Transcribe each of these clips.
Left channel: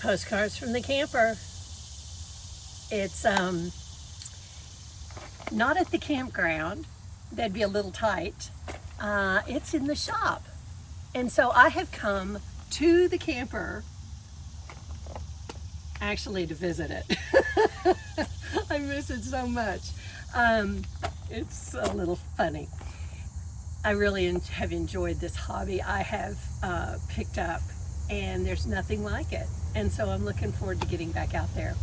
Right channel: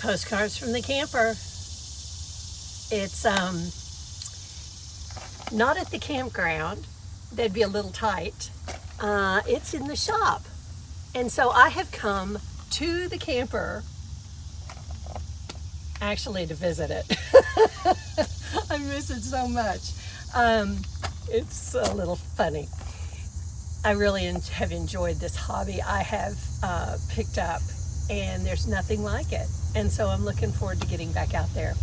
Postcards from the camper. It's not at the campground. That'd be a little tight. It's in the shop. And so I have come to the camper actually to visit it. I miss it so much. It's a little funny. I really have enjoyed this hobby I have picked up, and there's nothing like it. And so I'm looking forward to getting back out there.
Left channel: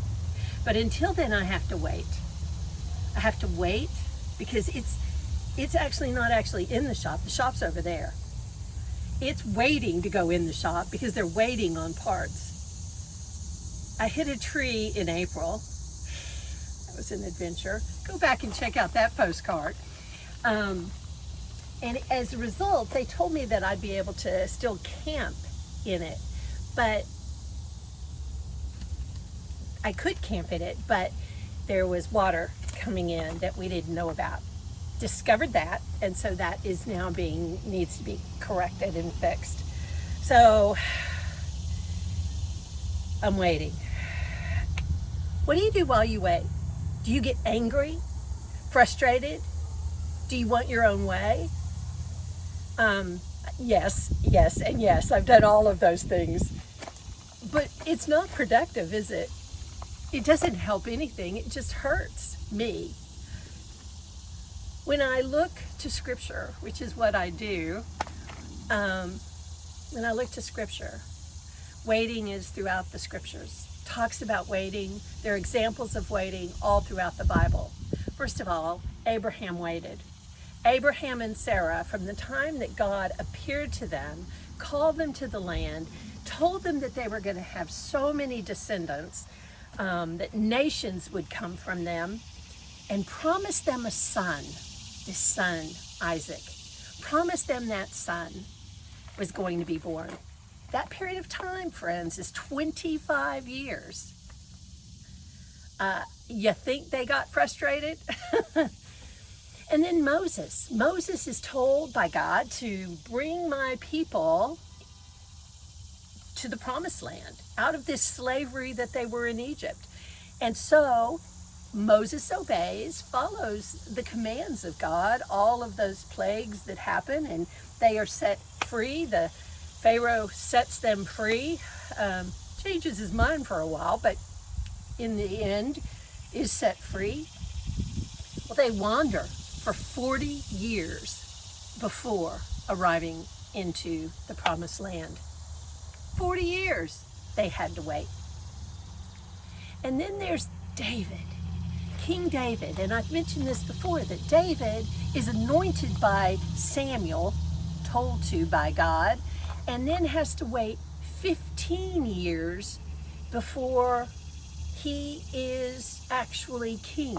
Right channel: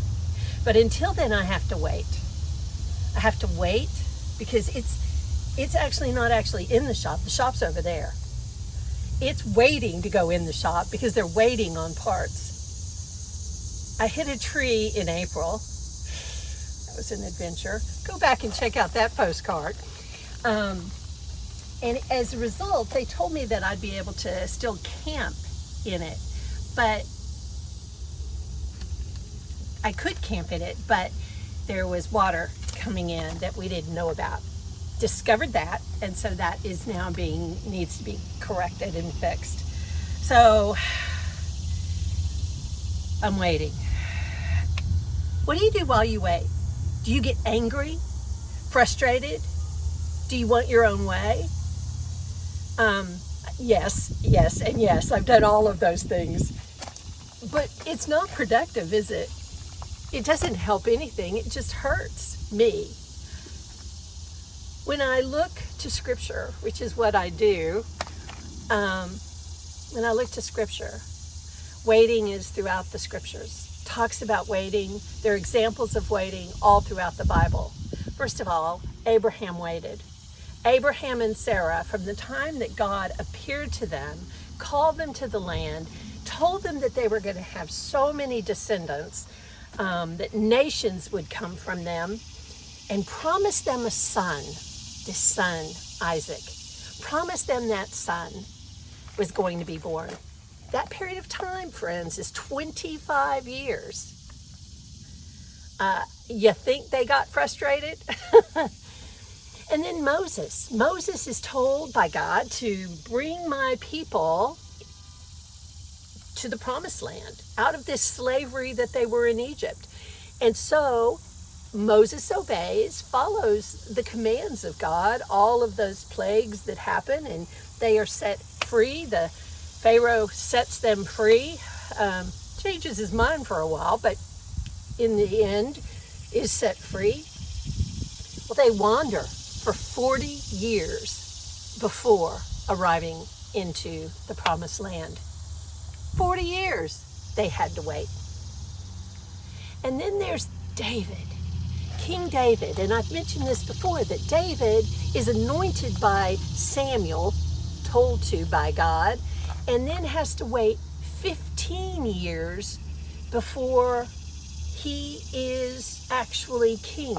But until then, I have to wait. I have to wait because it's actually not actually in the shop. The shop's over there. It's waiting to go in the shop because they're waiting on parts. I hit a tree in April. That was an adventure. Go back and check out that postcard. And as a result, they told me that I'd be able to still camp in it. But I could camp in it, but there was water coming in that we didn't know about. Discovered that, and so that is now needs to be corrected and fixed. So I'm waiting. What do you do while you wait? Do you get angry? Frustrated? Do you want your own way? Yes, and yes. I've done all of those things. But it's not productive, is it? It doesn't help anything. It just hurts me. When I look to Scripture, which is what I do, when I look to Scripture, waiting is throughout the Scriptures. Talks about waiting. There are examples of waiting all throughout the Bible. First of all, Abraham waited. Abraham and Sarah, from the time that God appeared to them, called them to the land, told them that they were going to have so many descendants, that nations would come from them, and promised them a son, this son, Isaac. Promised them that son was going to be born. That period of time, friends, is 25 years. You think they got frustrated? And then Moses. Moses is told by God to bring my people to the promised land, out of this slavery that they were in Egypt. And so Moses obeys, follows the commands of God, all of those plagues that happen, and they are set free. The Pharaoh sets them free, changes his mind for a while, but in the end is set free. Well, they wander for 40 years before arriving into the promised land. 40 years they had to wait. And then there's David, King David. And I've mentioned this before, that David is anointed by Samuel, told to by God, and then has to wait 15 years before he is actually king.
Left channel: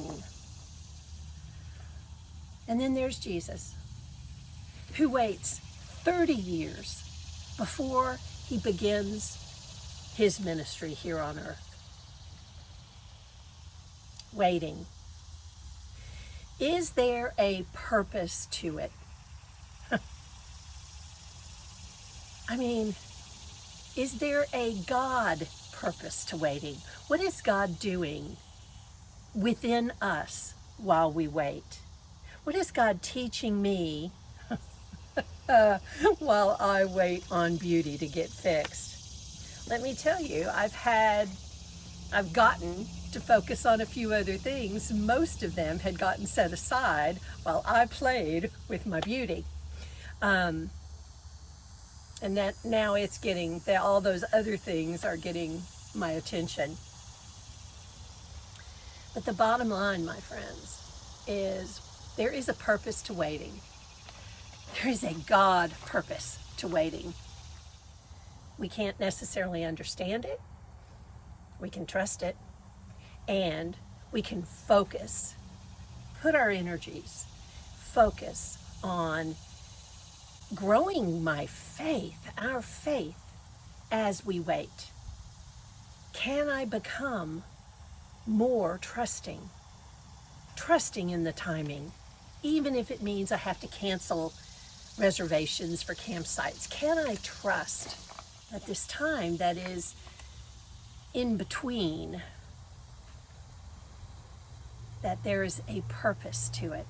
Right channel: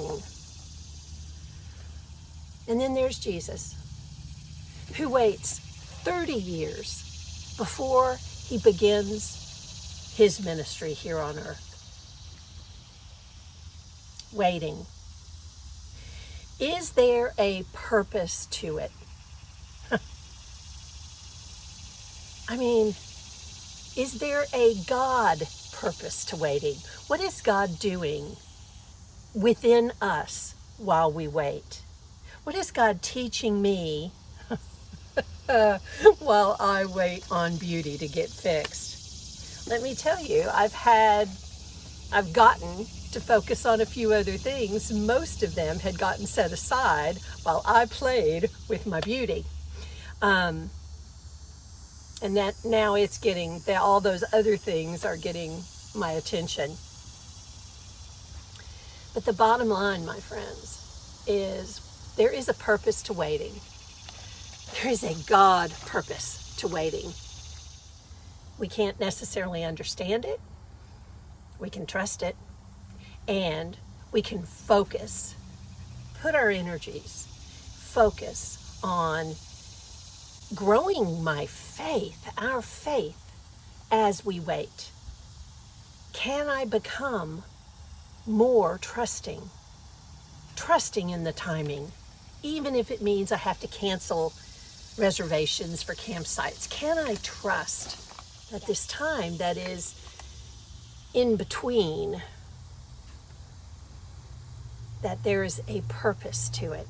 And then there's Jesus, who waits 30 years before he begins his ministry here on earth. Waiting. Is there a purpose to it? I mean, is there a God purpose to waiting? What is God doing within us while we wait? What is God teaching me while I wait on beauty to get fixed? Let me tell you, I've gotten to focus on a few other things. Most of them had gotten set aside while I played with my beauty. And that now it's getting, all those other things are getting my attention. But the bottom line, my friends, is there is a purpose to waiting. There is a God purpose to waiting. We can't necessarily understand it. We can trust it. And we can focus, put our energies, focus on growing my faith, our faith, as we wait. Can I become more trusting in the timing, even if it means I have to cancel reservations for campsites? Can I trust that this time that is in between, that there's a purpose to it.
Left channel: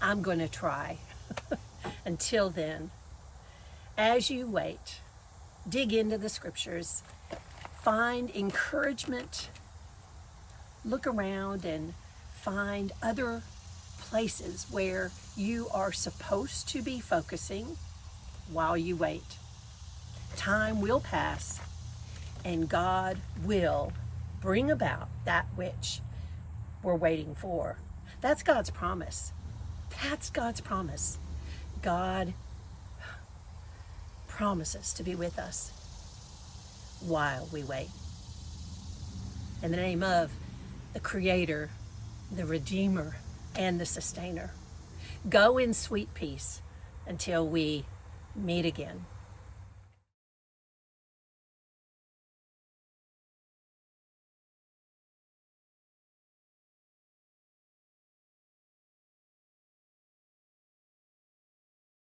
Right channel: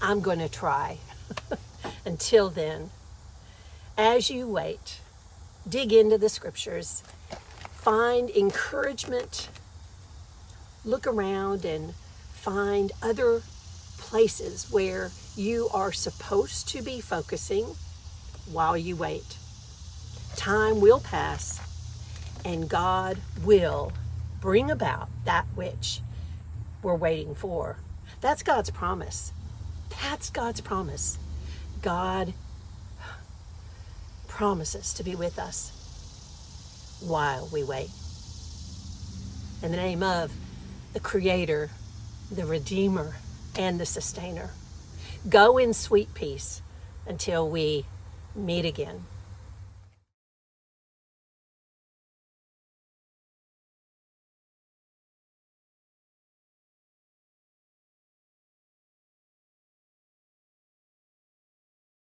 I'm going to try. Until then, as you wait, dig into the scriptures, find encouragement, look around and find other places where you are supposed to be focusing while you wait. Time will pass, and God will bring about that which we're waiting for. That's God's promise. That's God's promise. God promises to be with us while we wait. In the name of the Creator, the Redeemer, and the Sustainer, go in sweet peace until we meet again.